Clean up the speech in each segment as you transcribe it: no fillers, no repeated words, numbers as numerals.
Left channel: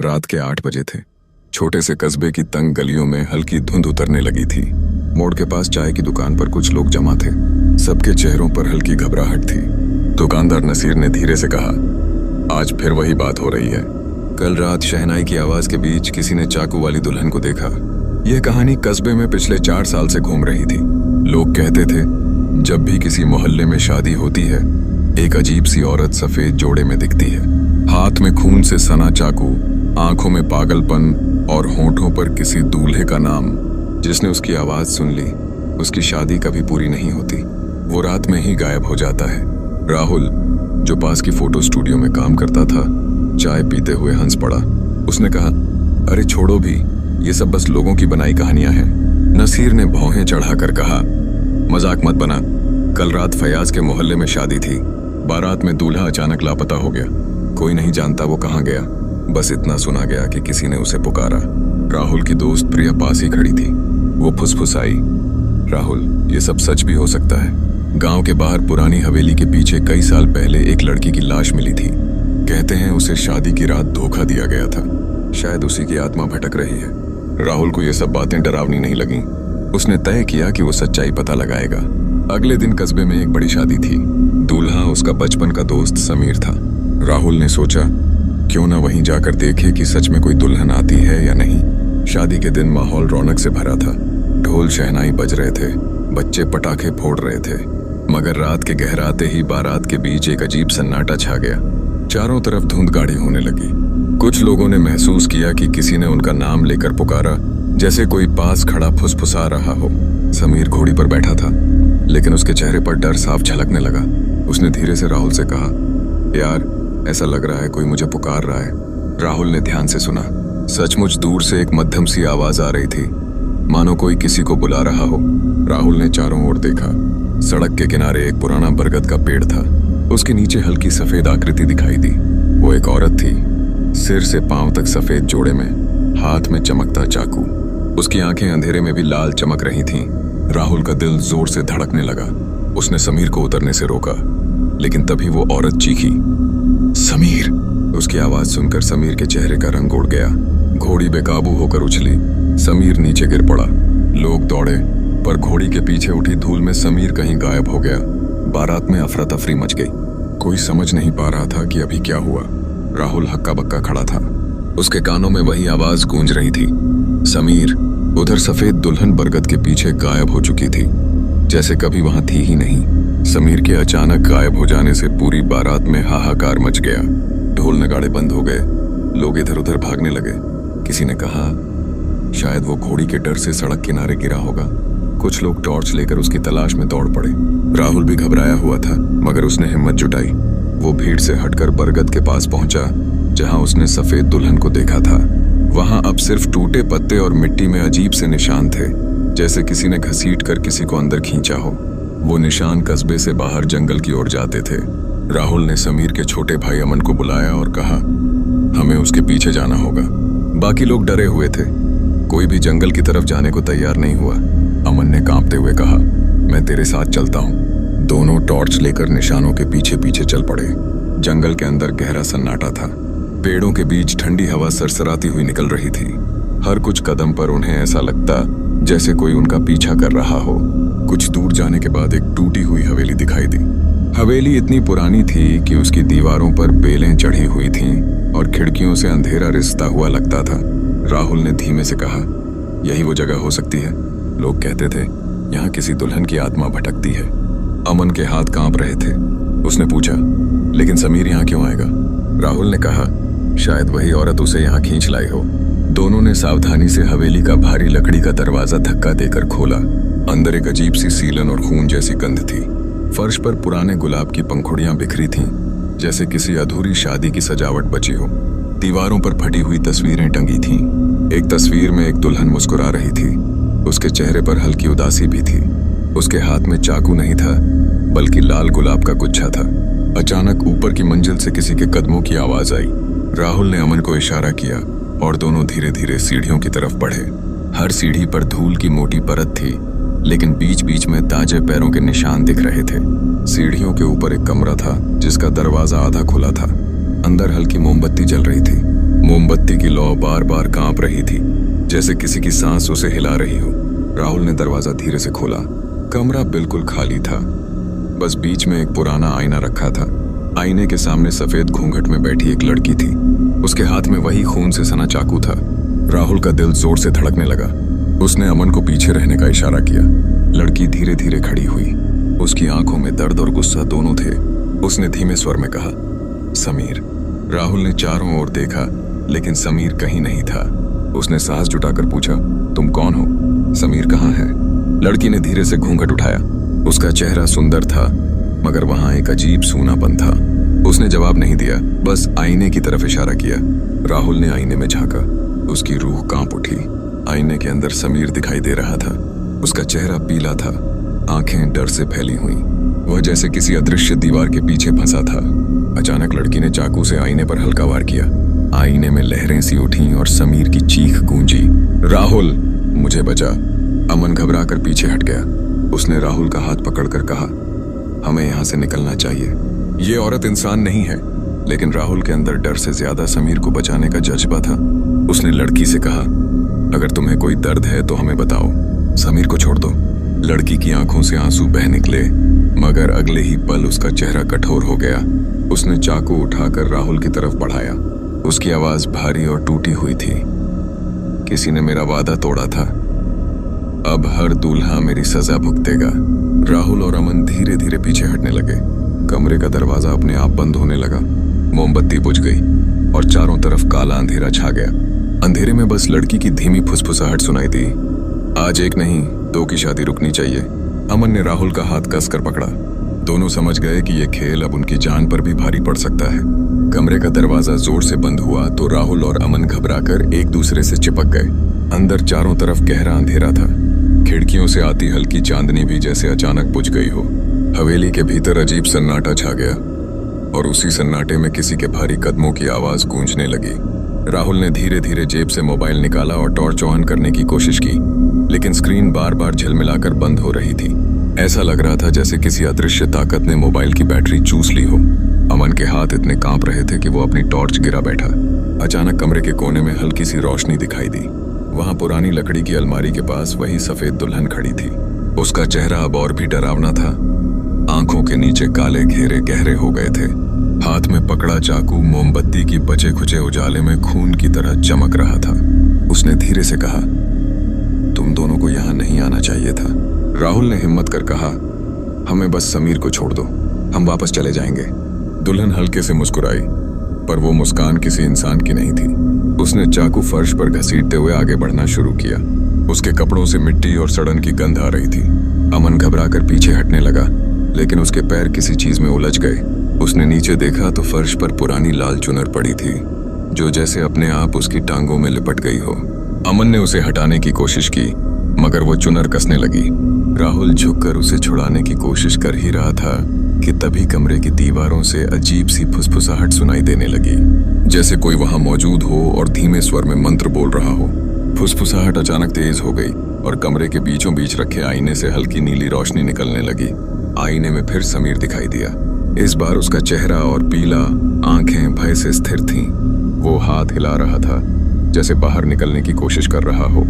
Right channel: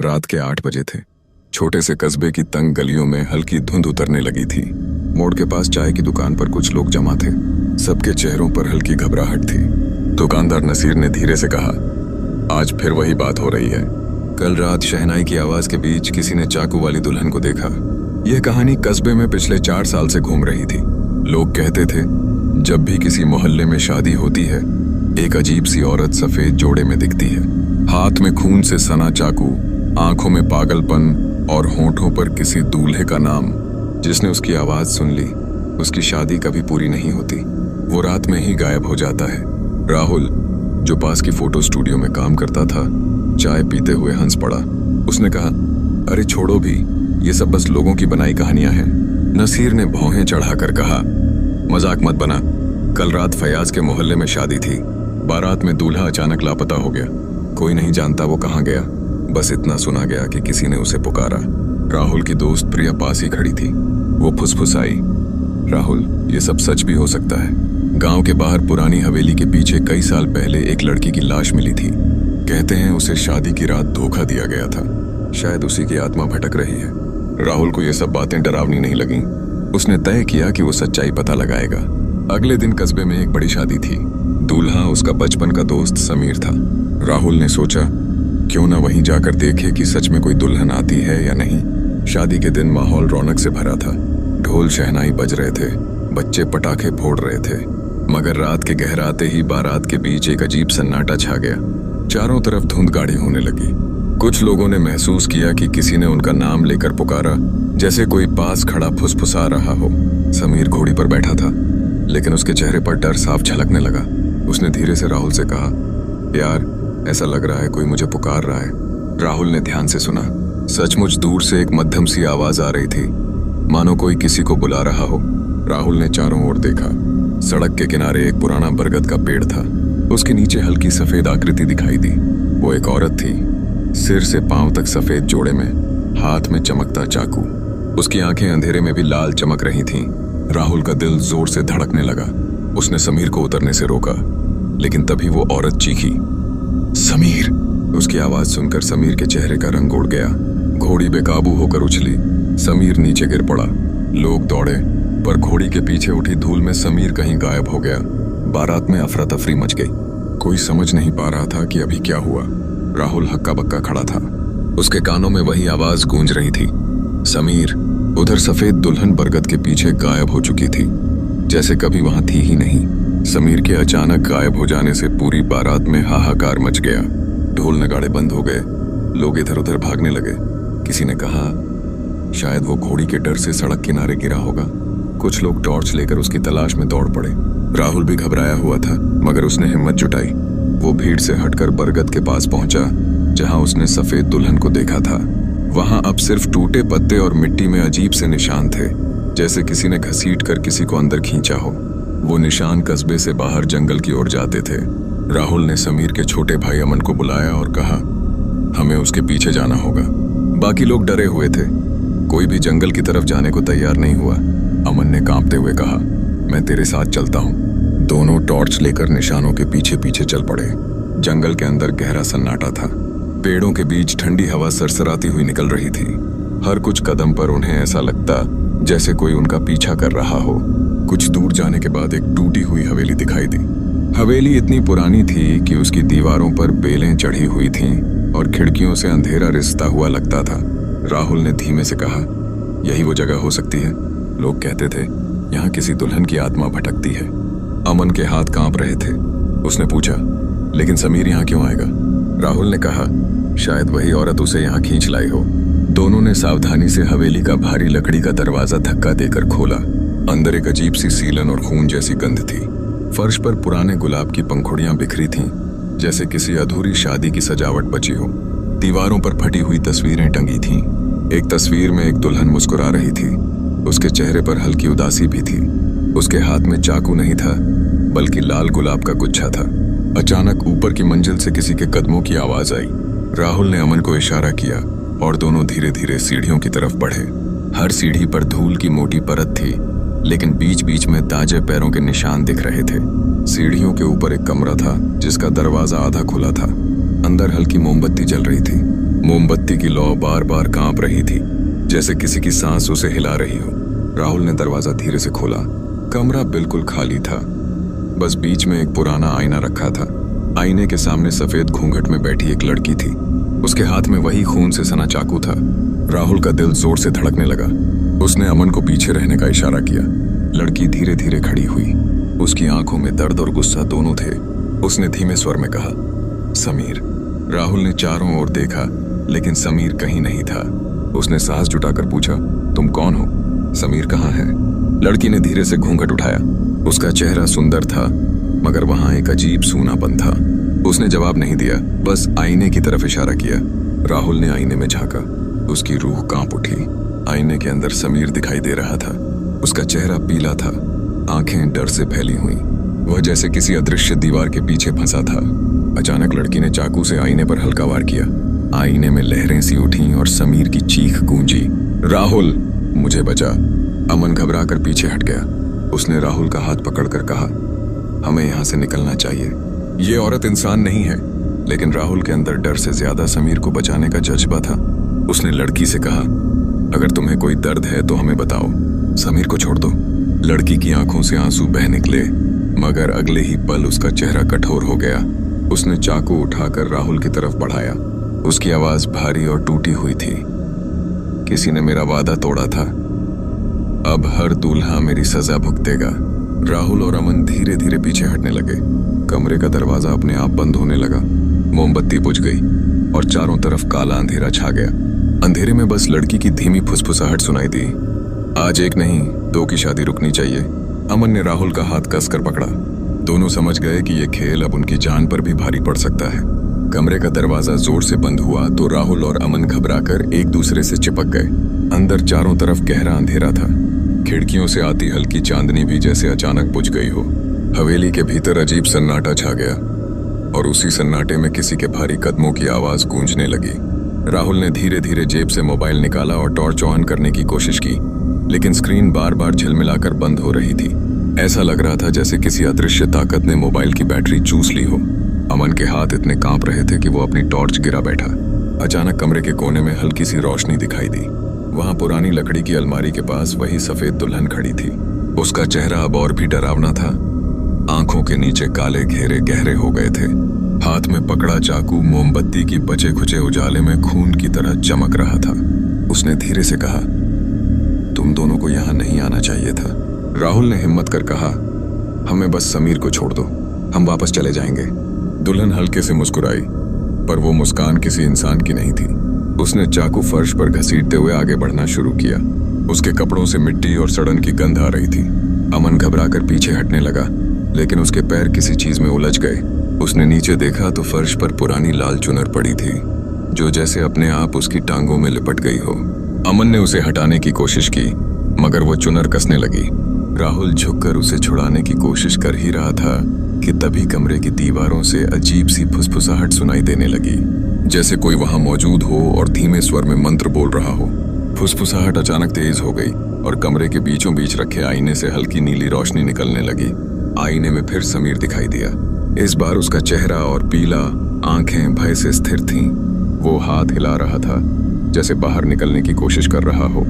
रात के 8 बजे थे। छोटे से कस्बे की तंग गलियों में हल्की धुंध उतरने लगी थी। मोड़ के पास चाय की दुकान पर कुछ लोग जमा थे। सबके चेहरों पर हल्की घबराहट थी। दुकानदार नसीर ने धीरे से कहा, आज फिर वही बात हो रही है। कल रात शहनाई की आवाज के बीच किसी ने चाकू वाली दुल्हन को देखा। यह कहानी कस्बे में पिछले 4 साल से घूम रही थी। लोग कहते थे, जब भी किसी मोहल्ले में शादी होती है, एक अजीब सी औरत सफेद जोड़े में दिखती है, हाथ में खून से सना चाकू, आंखों में पागलपन और होंठों पर किसी दूल्हे का नाम। जिसने उसकी आवाज सुन ली, उसकी शादी कभी पूरी नहीं होती, वो रात में ही गायब हो जाता है। राहुल, जो पास की फोटो स्टूडियो में काम करता था, चाय पीते हुए हंस पड़ा। उसने कहा, अरे छोड़ो भी, ये सब बस लोगों की बनाई कहानियां हैं। नसीर ने भौहें चढ़ाकर कहा, मजाक मत बना। कल रात फयाज के मोहल्ले में शादी थी। बारात में दूल्हा अचानक लापता हो गया। कोई नहीं जानता वो कहाँ गया। बस इतना सुना गया कि किसी ने उसे पुकारा। राहुल की दोस्त प्रिया पास ही खड़ी थी। वो फुसफुसाई, राहुल, ये सब सच भी हो सकता है। गांव के बाहर पुरानी हवेली के पीछे कई साल पहले एक लड़की की लाश मिली थी। कहते हैं उसे शादी की रात धोखा दिया गया था। शायद उसी की आत्मा भटक रही है। राहुल को ये सब बातें डरावनी नहीं लगीं। उसने तय किया कि वो सच्चाई पता लगाएगा। अगले दिन कस्बे में एक बड़ी शादी थी। दूल्हा उसका बचपन का दोस्त समीर था। राहुल ने सोचा, क्यों ना वहीं जाकर देखे कि सच में कोई दुल्हन आती है या नहीं। शादी के दिन माहौल रौनक से भरा था। ढोल शहनाई बज रहे थे, बच्चे पटाखे फोड़ रहे थे। मगर रात के गहराते ही बारात के बीच एक अजीब सन्नाटा छा गया। चारों तरफ धुंध गाढ़ी होने लगी। कुछ लोगों ने महसूस किया कि किसी ने उनका नाम लेकर पुकारा, जैसे कोई पास खड़ा फुसफुसा रहा हो। समीर घोड़ी पर बैठा था, लेकिन उसके चेहरे पर डर साफ झलकने लगा। उसने धीरे से राहुल से कहा, यार, ऐसा लग रहा है कोई मुझे पुकार रहा है। राहुल ने ध्यान से सुना। सचमुच दूर से एक मध्यम सी आवाज आ रही थी, मानो कोई किसी को बुला रहा हो। राहुल ने चारों ओर देखा। सड़क के किनारे एक पुराना बरगद का पेड़ था। उसके नीचे हल्की सफेद आकृति दिखाई दी। वो एक औरत थी, सिर से पांव तक सफेद जोड़े में, हाथ में चमकता चाकू। उसकी आंखें अंधेरे में भी लाल चमक रही थीं। राहुल का दिल जोर से धड़कने लगा। उसने समीर को उतरने से रोका, लेकिन तभी वो औरत चीखी, समीर! उसकी आवाज सुनकर समीर के चेहरे का रंग उड़ गया। घोड़ी बेकाबू होकर उछली। समीर नीचे गिर पड़ा। लोग दौड़े, पर घोड़ी के पीछे उठी धूल में समीर कहीं गायब हो गया। बारात में अफरा तफरी मच गई। कोई समझ नहीं पा रहा था कि अभी क्या हुआ। राहुल हक्का बक्का खड़ा था। उसके कानों में वही आवाज गूंज रही थी, समीर! उधर सफेद दुल्हन बरगद के पीछे गायब हो चुकी थी, जैसे कभी वहां थी ही नहीं। समीर के अचानक गायब हो जाने से पूरी बारात में हाहाकार मच गया। ढोल नगाड़े बंद हो गए। लोग इधर उधर भागने लगे। किसी ने कहा, शायद वो घोड़ी के डर से सड़क किनारे गिरा होगा। कुछ लोग टॉर्च लेकर उसकी तलाश में दौड़ पड़े। राहुल भी घबराया हुआ था, मगर उसने हिम्मत जुटाई। वो भीड़ से हटकर बरगद के पास पहुंचा, जहां उसने सफेद दुल्हन को देखा था। वहां अब सिर्फ टूटे पत्ते और मिट्टी में अजीब से निशान थे, जैसे किसी ने घसीट कर किसी को अंदर खींचा हो। वो निशान कस्बे से बाहर जंगल की ओर जाते थे। राहुल ने समीर के छोटे भाई अमन को बुलाया और कहा, हमें उसके पीछे जाना होगा। बाकी लोग डरे हुए थे। कोई भी जंगल की तरफ जाने को तैयार नहीं हुआ। अमन ने कांपते हुए कहा, मैं तेरे साथ चलता हूँ। दोनों टॉर्च लेकर निशानों के पीछे पीछे चल पड़े। जंगल के अंदर गहरा सन्नाटा था। पेड़ों के बीच ठंडी हवा सरसराती हुई निकल रही थी। हर कुछ कदम पर उन्हें ऐसा लगता जैसे कोई उनका पीछा कर रहा हो। कुछ दूर जाने के बाद एक टूटी हुई हवेली दिखाई दी। हवेली इतनी पुरानी थी कि उसकी दीवारों पर बेलें चढ़ी हुई थीं और खिड़कियों से अंधेरा रिसता हुआ लगता था। राहुल ने धीमे से कहा, यही वो जगह हो सकती है। लोग कहते थे, यहाँ किसी दुल्हन की आत्मा भटकती है। अमन के हाथ कांप रहे थे। उसने पूछा, लेकिन समीर यहाँ क्यों आएगा? राहुल ने कहा, शायद वही औरत उसे यहाँ खींच लाई हो। दोनों ने सावधानी से हवेली का भारी लकड़ी का दरवाजा धक्का देकर खोला। अंदर एक अजीब सी सीलन और खून जैसी गंध थी। फर्श पर पुराने गुलाब की पंखुड़ियां बिखरी थीं, जैसे किसी अधूरी शादी की सजावट बची हो। दीवारों पर फटी हुई तस्वीरें टंगी थीं। एक तस्वीर में एक दुल्हन मुस्कुरा रही थी। उसके चेहरे पर हल्की उदासी भी थी। उसके हाथ में चाकू नहीं था, बल्कि लाल गुलाब का गुच्छा था। अचानक ऊपर की मंजिल से किसी के कदमों की आवाज आई। राहुल ने अमन को इशारा किया और दोनों धीरे धीरे सीढ़ियों की तरफ बढ़े। हर सीढ़ी पर धूल की मोटी परत थी, लेकिन बीच बीच में ताजे पैरों के निशान दिख रहे थे। सीढ़ियों के ऊपर एक कमरा था, जिसका दरवाजा आधा खुला था। अंदर हल्की मोमबत्ती जल रही थी। मोमबत्ती की लौ बार बार कांप रही थी, जैसे किसी की सांस उसे हिला रही हो। राहुल ने दरवाजा धीरे से खोला। कमरा बिल्कुल खाली था, बस बीच में एक पुराना आईना रखा था। आईने के सामने सफेद घूंघट में बैठी एक लड़की थी। उसके हाथ में वही खून से सना चाकू था। राहुल का दिल जोर से धड़कने लगा। उसने अमन को पीछे रहने का इशारा किया। लड़की धीरे धीरे खड़ी हुई। उसकी आंखों में दर्द और गुस्सा दोनों थे। उसने धीमे स्वर में कहा, समीर। राहुल ने चारों ओर देखा, लेकिन समीर कहीं नहीं था। उसने साहस जुटाकर पूछा, तुम कौन हो? समीर कहाँ है? लड़की ने धीरे से घूंघट उठाया। उसका चेहरा सुंदर था, मगर वहां एक अजीब सूनापन था। उसने जवाब नहीं दिया, बस आईने की तरफ इशारा किया। राहुल ने आईने में झांका। उसकी रूह कांप उठी। आईने के अंदर समीर दिखाई दे रहा था। उसका चेहरा पीला था, आंखें डर से फैली हुई। वह जैसे किसी अदृश्य दीवार के पीछे फंसा था। अचानक लड़की ने चाकू से आईने पर हल्का वार किया। आईने में लहरें सी उठीं और समीर की चीख गूंजी, राहुल, मुझे बचा। अमन घबरा कर पीछे हट गया। उसने राहुल का हाथ पकड़कर कहा, हमें यहां से निकलना चाहिए। ये औरत इंसान नहीं है। लेकिन राहुल के अंदर डर से ज्यादा समीर को बचाने का जज्बा था। उसने लड़की से कहा, अगर तुम्हें कोई दर्द है तो हमें बताओ, समीर को छोड़ दो। लड़की की आंखों से आंसू बह निकले, मगर अगले ही पल उसका चेहरा कठोर हो गया। उसने चाकू उठाकर राहुल की तरफ बढ़ाया। उसकी आवाज भारी और टूटी हुई थी, किसी ने मेरा वादा तोड़ा था, अब हर दूल्हा मेरी सजा भुगतेगा। राहुल और अमन धीरे धीरे पीछे हटने लगे। कमरे का दरवाजा अपने आप बंद होने लगा। मोमबत्ती बुझ गई और चारों तरफ काला अंधेरा छा गया। अंधेरे में बस लड़की की धीमी फुसफुसाहट सुनाई दी, आज एक नहीं, दो की शादी रुकनी चाहिए। अमन ने राहुल का हाथ कसकर पकड़ा। दोनों समझ गए कि यह खेल अब उनकी जान पर भी भारी पड़ सकता है। कमरे का दरवाजा जोर से बंद हुआ तो राहुल और अमन घबराकर एक दूसरे से चिपक गए। अंदर चारों तरफ गहरा अंधेरा था। खिड़कियों से आती हल्की चांदनी भी जैसे अचानक बुझ गई हो। हवेली के भीतर अजीब सन्नाटा छा गया और उसी सन्नाटे में किसी के भारी कदमों की आवाज गूंजने लगी। राहुल ने धीरे धीरे जेब से मोबाइल निकाला और टॉर्च ऑन करने की कोशिश की, लेकिन स्क्रीन बार बार झिलमिलाकर बंद हो रही थी। ऐसा लग रहा था जैसे किसी अदृश्य ताकत ने मोबाइल की बैटरी चूस ली हो। अमन के हाथ इतने कांप रहे थे कि वो अपनी टॉर्च गिरा बैठा। अचानक कमरे के कोने में हल्की सी रोशनी दिखाई दी। वहां पुरानी लकड़ी की अलमारी के पास वही सफेद दुल्हन खड़ी थी। उसका चेहरा अब और भी डरावना था। आंखों के नीचे काले घेरे गहरे हो गए थे। हाथ में पकड़ा चाकू मोमबत्ती की बचे खुचे उजाले में खून की तरह चमक रहा था। उसने धीरे से कहा, तुम दोनों को यहां नहीं आना चाहिए था। राहुल ने हिम्मत कर कहा, हमें बस समीर को छोड़ दो, हम वापस चले जाएंगे। दुल्हन हल्के से मुस्कुराई, पर वो मुस्कान किसी इंसान की नहीं थी। उसने चाकू फर्श पर घसीटते हुए आगे बढ़ना शुरू किया। उसके कपड़ों से मिट्टी और सड़न की गंध आ रही थी। अमन घबराकर पीछे हटने लगा, लेकिन उसके पैर किसी चीज में उलझ गए। उसने नीचे देखा तो फर्श पर पुरानी लाल चुनर पड़ी थी, जो जैसे अपने आप उसकी टांगों में लिपट गई हो। अमन ने उसे हटाने की कोशिश की, मगर वो चुनर कसने लगी। राहुल झुककर उसे छुड़ाने की कोशिश कर ही रहा था कि तभी कमरे की दीवारों से अजीब सी फुसफुसाहट सुनाई देने लगी, जैसे कोई वहां मौजूद हो और धीमे स्वर में मंत्र बोल रहा हो। फुसफुसाहट अचानक तेज हो गई और कमरे के बीचों बीच रखे आईने से हल्की नीली रोशनी निकलने लगी। आईने में फिर समीर दिखाई दिया। इस बार उसका चेहरा और पीला, आंखें भय से स्थिर थीं। वो हाथ हिला रहा था, जैसे बाहर निकलने की कोशिश कर रहा हो।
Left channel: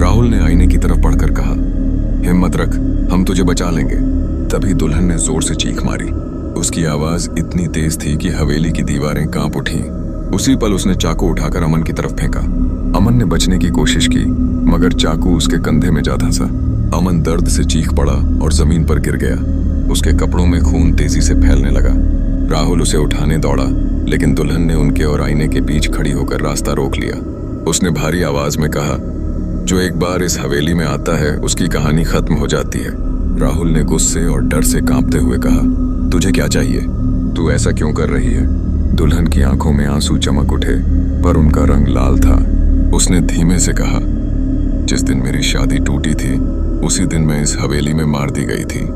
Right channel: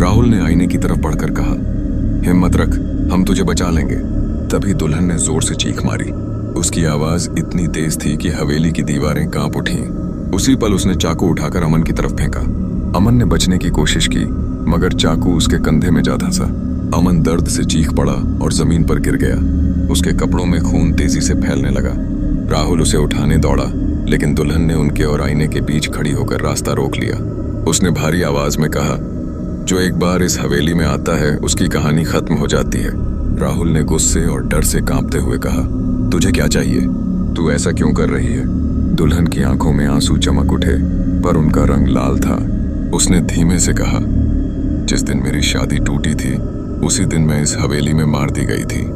राहुल ने आईने की तरफ बढ़कर कहा, हिम्मत रख, हम तुझे बचा लेंगे। तभी दुल्हन ने जोर से चीख मारी। उसकी आवाज इतनी तेज थी कि हवेली की दीवारें कांप उठीं। उसी पल उसने चाकू उठाकर अमन की तरफ फेंका। अमन ने बचने की कोशिश की, मगर चाकू उसके कंधे में जा धंसा। अमन दर्द से चीख पड़ा और जमीन पर गिर गया। उसके कपड़ों में खून तेजी से फैलने लगा। राहुल उसे उठाने दौड़ा, लेकिन दुल्हन ने उनके और आईने के बीच खड़ी होकर रास्ता रोक लिया। उसने भारी आवाज में कहा, जो एक बार इस हवेली में आता है उसकी कहानी खत्म हो जाती है। राहुल ने गुस्से और डर से कांपते हुए कहा, तुझे क्या चाहिए? तू ऐसा क्यों कर रही है? दुल्हन की आंखों में आंसू चमक उठे, पर उनका रंग लाल था। उसने धीमे से कहा, जिस दिन मेरी शादी टूटी थी उसी दिन मैं इस हवेली में मार दी गई थी।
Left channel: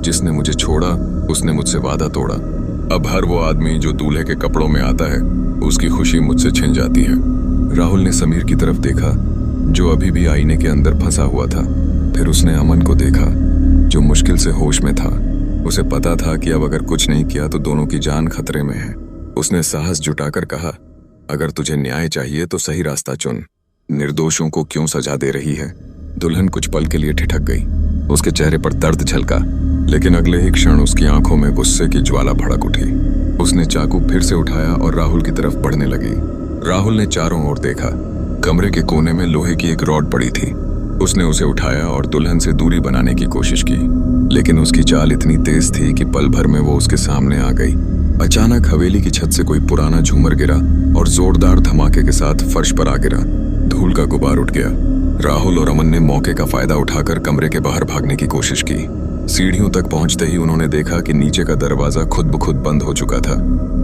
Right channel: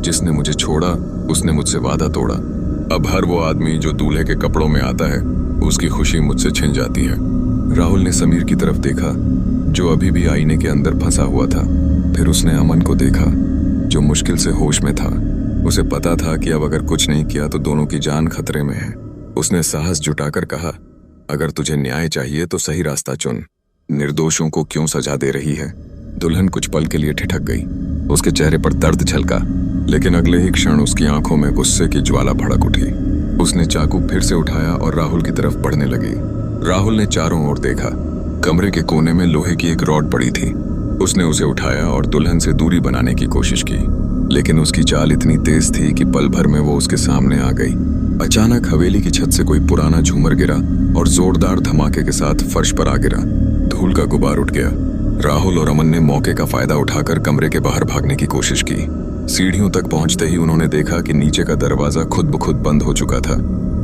जिसने मुझे छोड़ा उसने मुझसे वादा तोड़ा। अब हर वो आदमी जो दूल्हे के कपड़ों में आता है उसकी खुशी मुझसे छिन जाती है। राहुल ने समीर की तरफ देखा, जो अभी भी आईने के अंदर फंसा हुआ था। फिर उसने अमन को देखा, जो मुश्किल से होश में था। उसे पता था कि अब अगर कुछ नहीं किया तो दोनों की जान खतरे में है। उसने साहस जुटाकर कहा, अगर तुझे न्याय चाहिए तो सही रास्ता चुन। निर्दोषों को क्यों सजा दे रही है? दुल्हन कुछ पल के लिए ठिठक गई। उसके चेहरे पर दर्द झलका, लेकिन अगले ही क्षण उसकी आंखों में गुस्से की ज्वाला भड़क उठी। उसने चाकू फिर से उठाया और राहुल की तरफ बढ़ने लगी। राहुल ने चारों ओर देखा। कमरे के कोने में लोहे की एक रॉड पड़ी थी। उसने उसे उठाया और दुल्हन से दूरी बनाने की कोशिश की, लेकिन उसकी चाल इतनी तेज थी कि पल भर में वो उसके सामने आ गई। अचानक हवेली की छत से कोई पुराना झूमर गिरा और जोरदार धमाके के साथ फर्श पर आ गिरा। धूल का गुबार उठ गया। राहुल और अमन ने मौके का फायदा उठाकर कमरे के बाहर भागने की कोशिश की। सीढ़ियों तक पहुंचते ही उन्होंने देखा कि नीचे का दरवाजा खुद ब खुद बंद हो चुका था।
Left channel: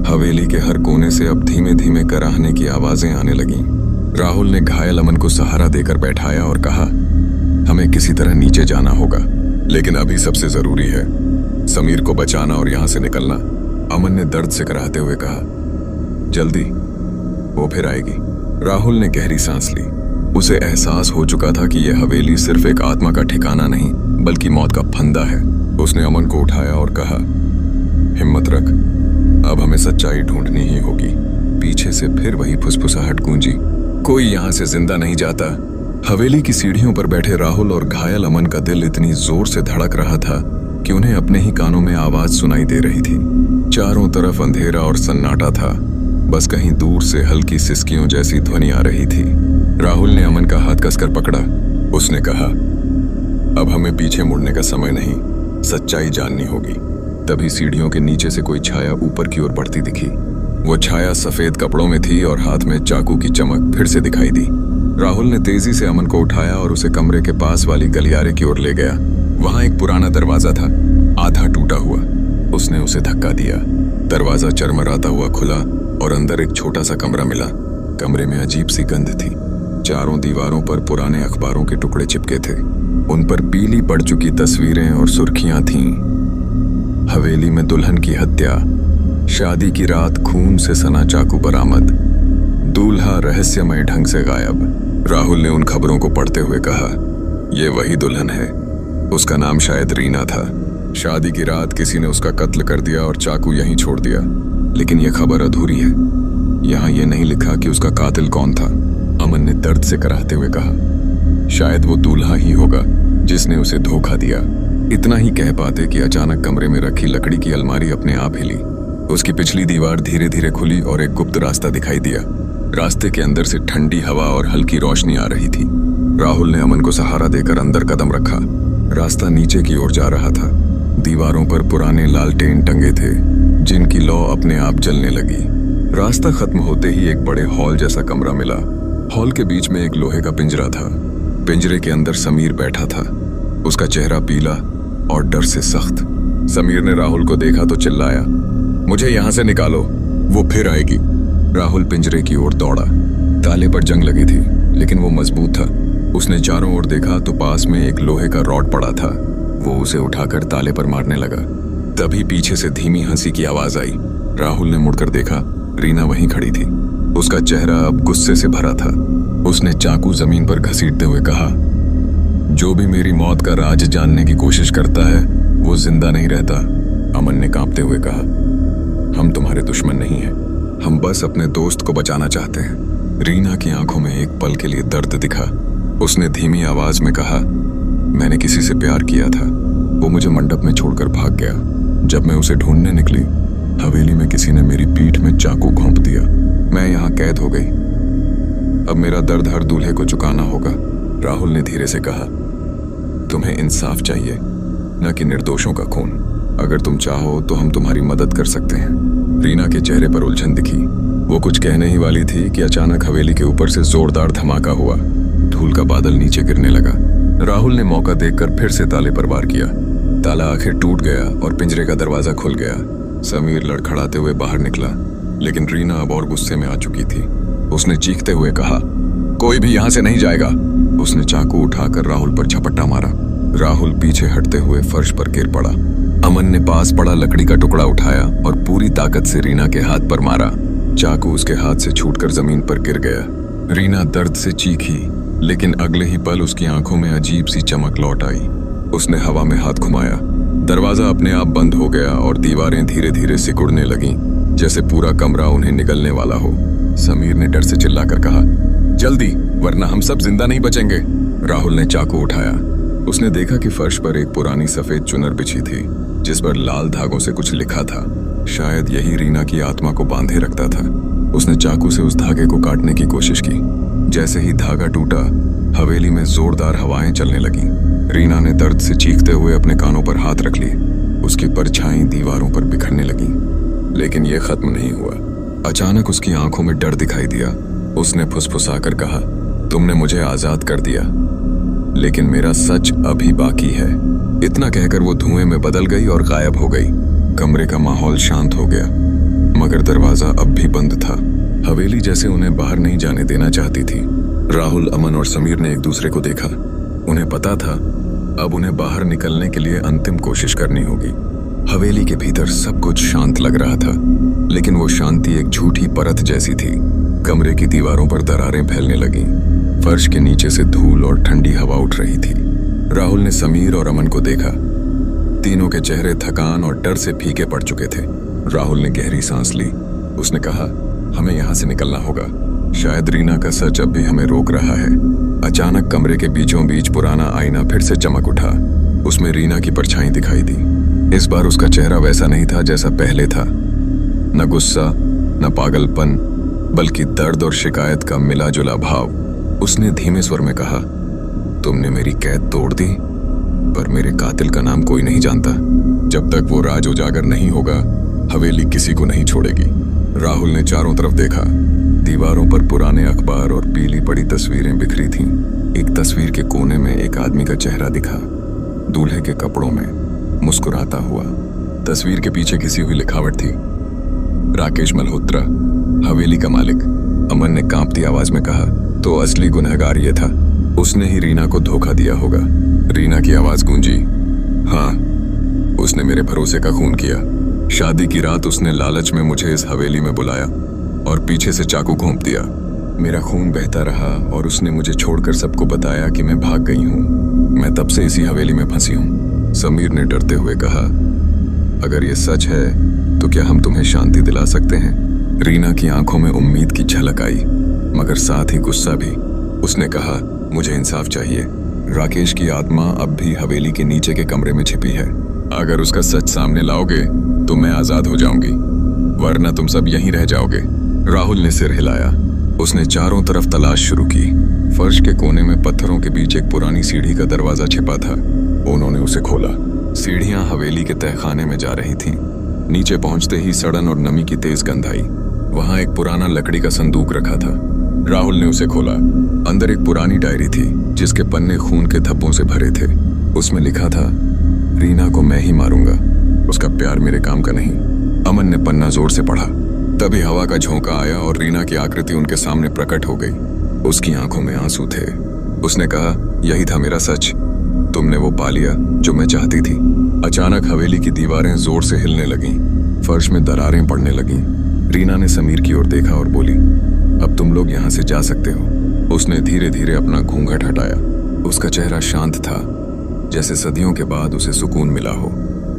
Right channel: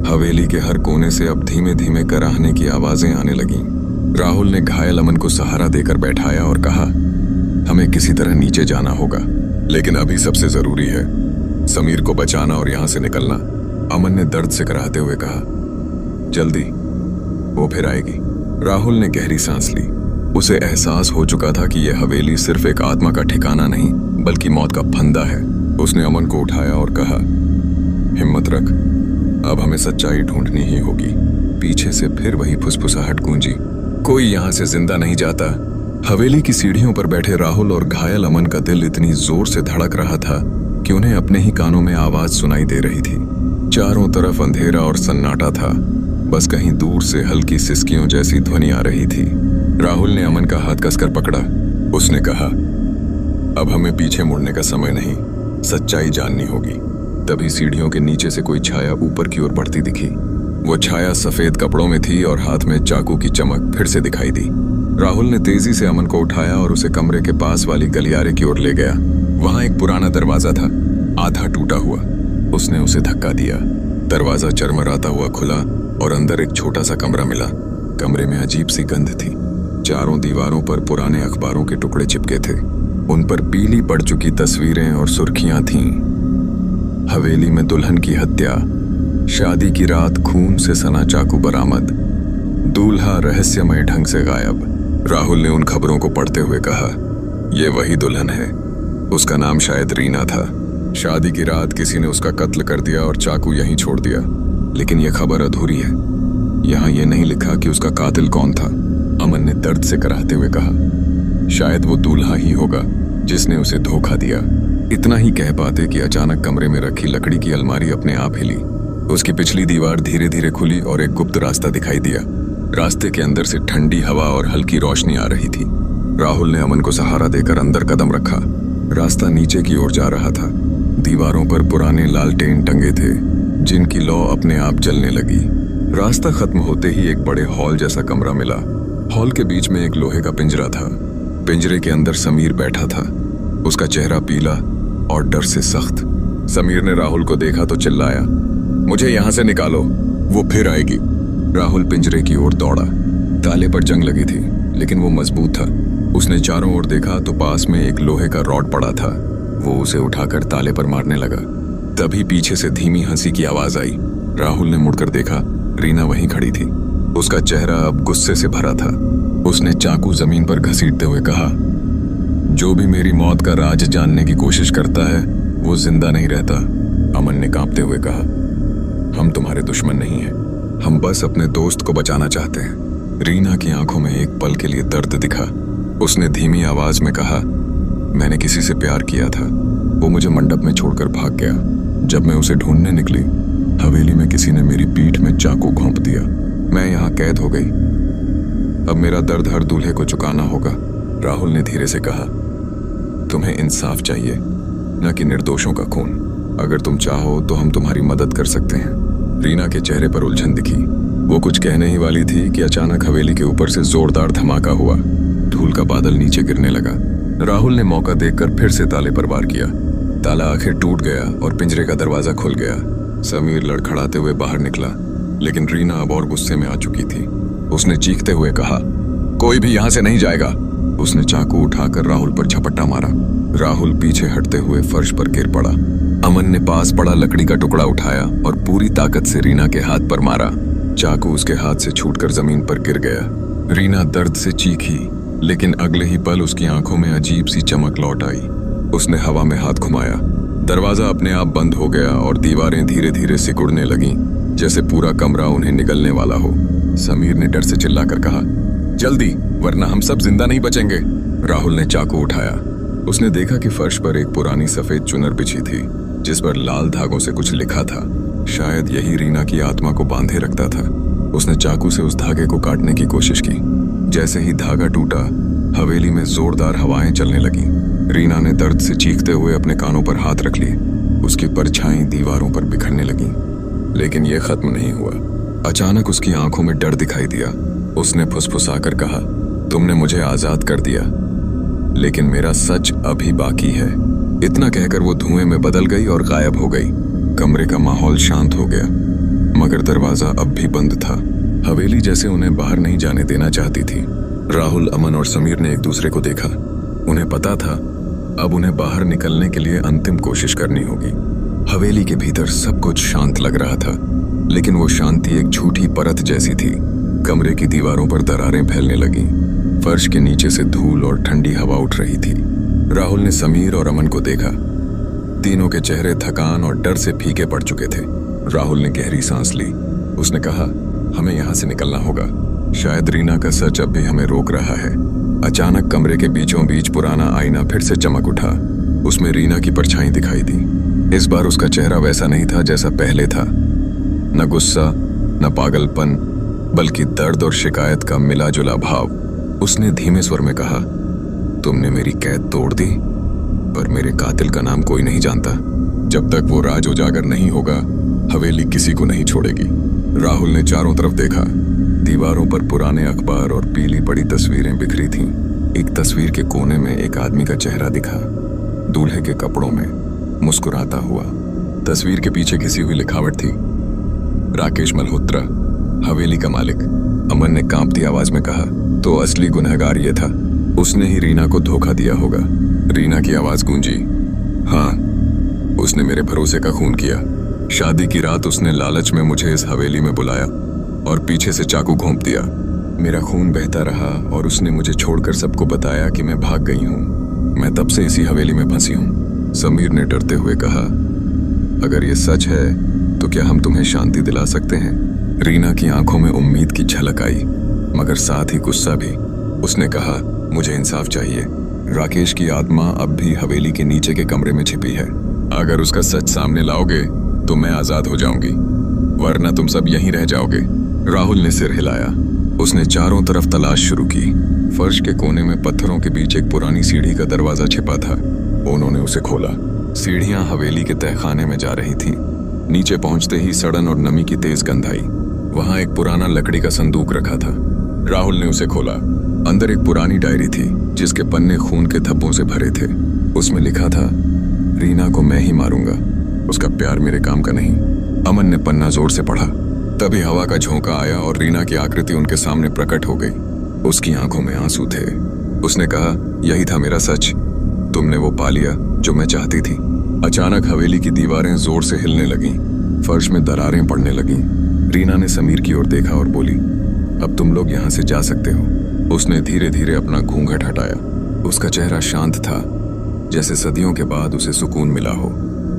हवेली के हर कोने से अब धीमे धीमे कराहने की आवाजें आने लगीं। राहुल ने घायल अमन को सहारा देकर बैठाया और कहा, हमें किसी तरह नीचे जाना होगा, लेकिन अभी सबसे जरूरी है समीर को बचाना और यहां से निकलना। अमन ने दर्द से कराहते हुए कहा, जल्दी, वो फिर आएगी। राहुल ने गहरी सांस ली। उसे एहसास हो चुका था कि यह हवेली सिर्फ एक आत्मा का ठिकाना नहीं, बल्कि मौत का फंदा है। उसने अमन को उठाया और कहा, हिम्मत रख, अब हमें सच्चाई ढूंढनी ही होगी। पीछे से फिर वही फुसफुसाहट गूंजी, कोई यहां से जिंदा नहीं जाता। हवेली की सीढ़ियों पर बैठे राहुल और घायल अमन का दिल इतनी जोर से धड़क रहा था कि उन्हें अपने ही कानों में आवाज सुनाई दे रही थी। चारों तरफ अंधेरा और सन्नाटा था। बस कहीं दूर से हल्की सिसकियों जैसी ध्वनि आ रही थी। राहुल ने अमन का हाथ कसकर पकड़ा। उसने कहा, अब हमें पीछे मुड़ने का समय नहीं, सच्चाई जाननी होगी। तभी सीढ़ियों के नीचे से कोई छाया ऊपर की ओर बढ़ती दिखी। वो छाया सफेद कपड़ों में थी और हाथ में चाकू की चमक फिर से दिखाई दी। राहुल ने तेजी से अमन को उठाया और उसे कमरे के पास वाली गलियारे की ओर ले गया। वहां एक पुराना दरवाजा था, आधा टूटा हुआ। उसने उसे धक्का दिया। दरवाजा चरमराता हुआ खुला और अंदर एक छोटा सा कमरा मिला। कमरे में अजीब सी गंध थी। चारों दीवारों पर पुराने अखबारों के टुकड़े चिपके थे। उन पर पीली पड़ चुकी तस्वीरें और सुर्खियां थीं। हवेली में दुल्हन की हत्या, शादी की रात खून से सना चाकू बरामद, दूल्हा रहस्यमय ढंग से गायब। राहुल ने उन खबरों को पढ़ते हुए कहा, यह वही दुल्हन है। उसका नाम शायद रीना था। शादी की रात किसी ने उसका कत्ल कर दिया और चाकू यहीं छोड़ दिया। लेकिन यह खबर अधूरी है। यहां यह नहीं लिखा कि उसका कातिल कौन था। अमन ने दर्द से कराहते हुए कहा, शायद वो दूल्हा ही होगा जिसने उसे धोखा दिया। इतना ही कह पाते कि अचानक कमरे में रखी लकड़ी की अलमारी अपने आप हिली। उसकी पिछली दीवार धीरे धीरे खुली और एक गुप्त रास्ता दिखाई दिया। रास्ते के अंदर से ठंडी हवा और हल्की रोशनी आ रही थी। राहुल ने अमन को सहारा देकर अंदर कदम रखा। रास्ता नीचे की ओर जा रहा था। दीवारों पर पुराने लालटेन टंगे थे, जिनकी लौ अपने आप जलने लगी। रास्ता खत्म होते ही एक बड़े हॉल जैसा कमरा मिला। हॉल के बीच में एक लोहे का पिंजरा था। पिंजरे के अंदर समीर बैठा था। उसका चेहरा पीला और डर से सख्त। समीर ने राहुल को देखा तो चिल्लाया, मुझे यहां से निकालो, वो फिर आएगी। राहुल पिंजरे की ओर दौड़ा। ताले पर जंग लगी थी, लेकिन वो मजबूत था। उसने चारों ओर देखा तो पास में एक लोहे का रॉड पड़ा था। वो उसे उठाकर ताले पर मारने लगा। तभी पीछे से धीमी हंसी की आवाज आई। राहुल ने मुड़कर देखा, रीना वहीं खड़ी थी। उसका चेहरा अब गुस्से से भरा था। उसने चाकू जमीन पर घसीटते हुए कहा, जो भी मेरी मौत का राज जानने की कोशिश करता है वो जिंदा नहीं रहता। अमन ने कांपते हुए कहा, हम तुम्हारे दुश्मन नहीं हैं, हम बस अपने दोस्त को बचाना चाहते हैं। रीना की आंखों में एक पल के लिए दर्द दिखा। उसने धीमी आवाज में कहा, मैंने किसी से प्यार किया था, वो मुझे मंडप में छोड़कर भाग गया। जब मैं उसे ढूंढने निकली, हवेली में किसी ने मेरी पीठ में चाकू घोंप दिया। मैं यहाँ कैद हो गई। अब मेरा दर्द हर दूल्हे को चुकाना होगा। राहुल ने धीरे से कहा, तुम्हें इंसाफ चाहिए, न कि निर्दोषों का खून। अगर तुम चाहो तो हम तुम्हारी मदद कर सकते हैं। रीना के चेहरे पर उलझन दिखी। वो कुछ कहने ही वाली थी कि अचानक हवेली के ऊपर से जोरदार धमाका हुआ। धूल का बादल नीचे गिरने लगा। राहुल ने मौका देखकर फिर से ताले पर वार किया। ताला आखिर टूट गया और पिंजरे का दरवाजा खुल गया। समीर लड़खड़ाते हुए बाहर निकला, लेकिन रीना अब और गुस्से में आ चुकी थी। उसने चीखते हुए कहा, कोई भी यहां से नहीं जाएगा। उसने चाकू उठाकर राहुल पर झपट्टा मारा। राहुल पीछे हटते हुए फर्श पर गिर पड़ा। अमन ने पास पड़ा लकड़ी का टुकड़ा उठाया और पूरी ताकत से रीना के हाथ पर मारा। चाकू उसके हाथ से छूटकर जमीन पर गिर गया। रीना दर्द से चीखी, लेकिन अगले ही पल उसकी आंखों में अजीब सी चमक लौट आई। उसने हवा में हाथ घुमाया। दरवाजा अपने आप बंद हो गया और दीवारें धीरे धीरे सिकुड़ने लगीं, जैसे पूरा कमरा उन्हें निगलने वाला हो। समीर ने डर से चिल्लाकर कहा, जल्दी, वरना हम सब जिंदा नहीं बचेंगे। राहुल ने चाकू उठाया। उसने देखा कि फर्श पर एक पुरानी सफेद चुनर बिछी थी जिस पर लाल धागों से कुछ लिखा था। शायद यही रीना की आत्मा को बांधे रखता था। उसने चाकू से उस धागे को काटने की कोशिश की। जैसे ही धागा टूटा, हवेली में जोरदार हवाएं चलने लगीं। रीना ने दर्द से चीखते हुए अपने कानों पर हाथ रख लिए। उसकी परछाई दीवारों पर बिखरने लगी, लेकिन यह खत्म नहीं हुआ। अचानक उसकी आंखों में डर दिखाई दिया। उसने फुसफुसाकर कहा, तुमने मुझे आजाद कर दिया, लेकिन मेरा सच अभी बाकी है। इतना कहकर वो धुएं में बदल गई और गायब हो गई। कमरे का माहौल शांत हो गया, मगर दरवाजा अब भी बंद था। हवेली जैसे उन्हें बाहर नहीं जाने देना चाहती थी। राहुल, अमन और समीर ने एक दूसरे को देखा। उन्हें पता था अब उन्हें बाहर निकलने के लिए अंतिम कोशिश करनी होगी। हवेली के भीतर सब कुछ शांत लग रहा था, लेकिन वो शांति एक झूठी परत जैसी थी। कमरे की दीवारों पर दरारें फैलने लगीं। फर्श के नीचे से धूल और ठंडी हवा उठ रही थी। राहुल ने समीर और अमन को देखा। तीनों के चेहरे थकान और डर से फीके पड़ चुके थे। राहुल ने गहरी सांस ली। उसने कहा, हमें यहाँ से निकलना होगा। शायद रीना का सच अब भी हमें रोक रहा है। अचानक कमरे के बीचों बीच पुराना आईना फिर से चमक उठा। उसमें रीना की परछाई दिखाई दी। इस बार उसका चेहरा वैसा नहीं था जैसा पहले था। न गुस्सा, न पागलपन, बल्कि दर्द और शिकायत का मिला जुला भाव। उसने धीमे स्वर में कहा, तुमने मेरी कैद तोड़ दी, पर मेरे कातिल का नाम कोई नहीं जानता। जब तक वो राज उजागर नहीं होगा, हवेली किसी को नहीं छोड़ेगी। राहुल ने चारों तरफ देखा। दीवारों पर पुराने अखबार और पीली पड़ी तस्वीरें बिखरी थीं। एक तस्वीर के कोने में एक आदमी का चेहरा दिखा, दूल्हे के कपड़ों में, मुस्कुराता हुआ। तस्वीर के पीछे घिसी हुई लिखावट थी, राकेश मल्होत्रा, हवेली का मालिक। अमन ने कांपती आवाज में कहा, तो असली गुनहगार ये था। उसने ही रीना को धोखा दिया होगा। रीना की आवाज गूंजी, हाँ, उसने मेरे भरोसे का खून किया। शादी की रात उसने लालच में मुझे इस हवेली में बुलाया और पीछे से चाकू घोंप दिया। मेरा खून बहता रहा और उसने मुझे छोड़कर सबको बताया कि मैं भाग गई हूँ। मैं तब से इसी हवेली में फंसी हूँ। समीर ने डरते हुए कहा, अगर ये सच है तो क्या हम तुम्हें शांति दिला सकते हैं? रीना की आंखों में उम्मीद की झलक आई, मगर साथ ही गुस्सा भी। उसने कहा, मुझे इंसाफ चाहिए। राकेश की आत्मा अब भी हवेली के नीचे के कमरे में छिपी है। अगर उसका सच सामने लाओगे तो मैं आजाद हो जाऊंगी, वरना तुम सब यहीं रह जाओगे। राहुल ने सिर हिलाया। उसने चारों तरफ तलाश शुरू की। फर्श के कोने में पत्थरों के बीच एक पुरानी सीढ़ी का दरवाजा छिपा था। उन्होंने उसे खोला। सीढ़ियां हवेली के तहखाने में जा रही थीं। नीचे पहुंचते ही सड़न और नमी की तेज गंध आई। वहां एक पुराना लकड़ी का संदूक रखा था। राहुल ने उसे खोला। अंदर एक पुरानी डायरी थी जिसके पन्ने खून के धब्बों से भरे थे। उसमें लिखा था, रीना को मैं ही मारूंगा, उसका प्यार मेरे काम का नहीं। अमन ने पन्ना जोर से पढ़ा। तभी हवा का झोंका आया और रीना की आकृति उनके सामने प्रकट हो गई। उसकी आंखों में आंसू थे। उसने कहा, यही था मेरा सच, तुमने वो पा लिया जो मैं चाहती थी। अचानक हवेली की दीवारें जोर से हिलने लगीं। फर्श में दरारें पड़ने लगीं। रीना ने समीर की ओर देखा और बोली, अब तुम लोग यहाँ से जा सकते हो। उसने धीरे धीरे अपना घूंघट हटाया। उसका चेहरा शांत था, जैसे सदियों के बाद उसे सुकून मिला हो।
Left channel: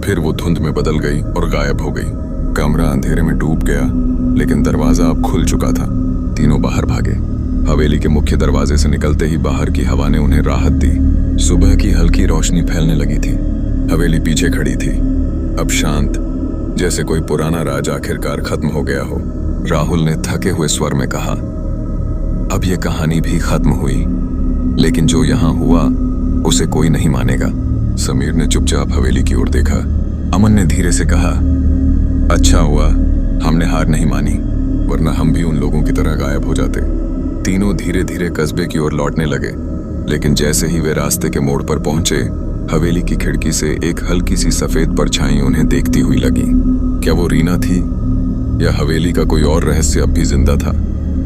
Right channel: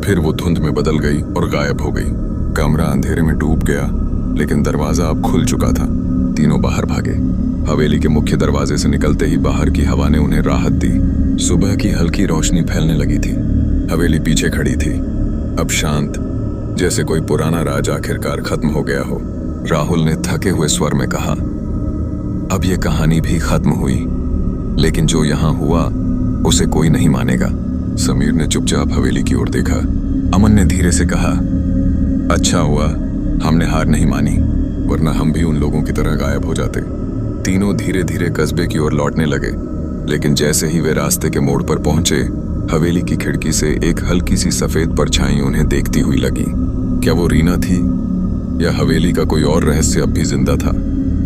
फिर वो धुंध में बदल गई और गायब हो गई। कमरा अंधेरे में डूब गया, लेकिन दरवाजा अब खुल चुका था। तीनों बाहर भागे। हवेली के मुख्य दरवाजे से निकलते ही बाहर की हवा ने उन्हें राहत दी। सुबह की हल्की रोशनी फैलने लगी थी। हवेली पीछे खड़ी थी, अब शांत, जैसे कोई पुराना राज आखिरकार खत्म हो गया हो। राहुल ने थके हुए स्वर में कहा, अब ये कहानी भी खत्म हुई, लेकिन जो यहाँ हुआ उसे कोई नहीं मानेगा। समीर ने चुपचाप हवेली की ओर देखा। अमन ने धीरे से कहा, अच्छा हुआ हमने हार नहीं मानी, वरना हम भी उन लोगों की तरह गायब हो जाते। तीनों धीरे धीरे कस्बे की ओर लौटने लगे, लेकिन जैसे ही वे रास्ते के मोड़ पर पहुंचे, हवेली की खिड़की से एक हल्की सी सफेद परछाई उन्हें देखती हुई लगी। क्या वो रीना थी या हवेली का कोई और रहस्य अब भी जिंदा था?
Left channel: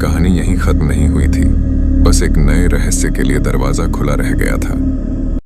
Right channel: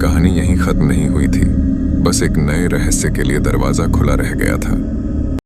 कहानी यहीं खत्म नहीं हुई थी, बस एक नए रहस्य के लिए दरवाजा खुला रह गया था।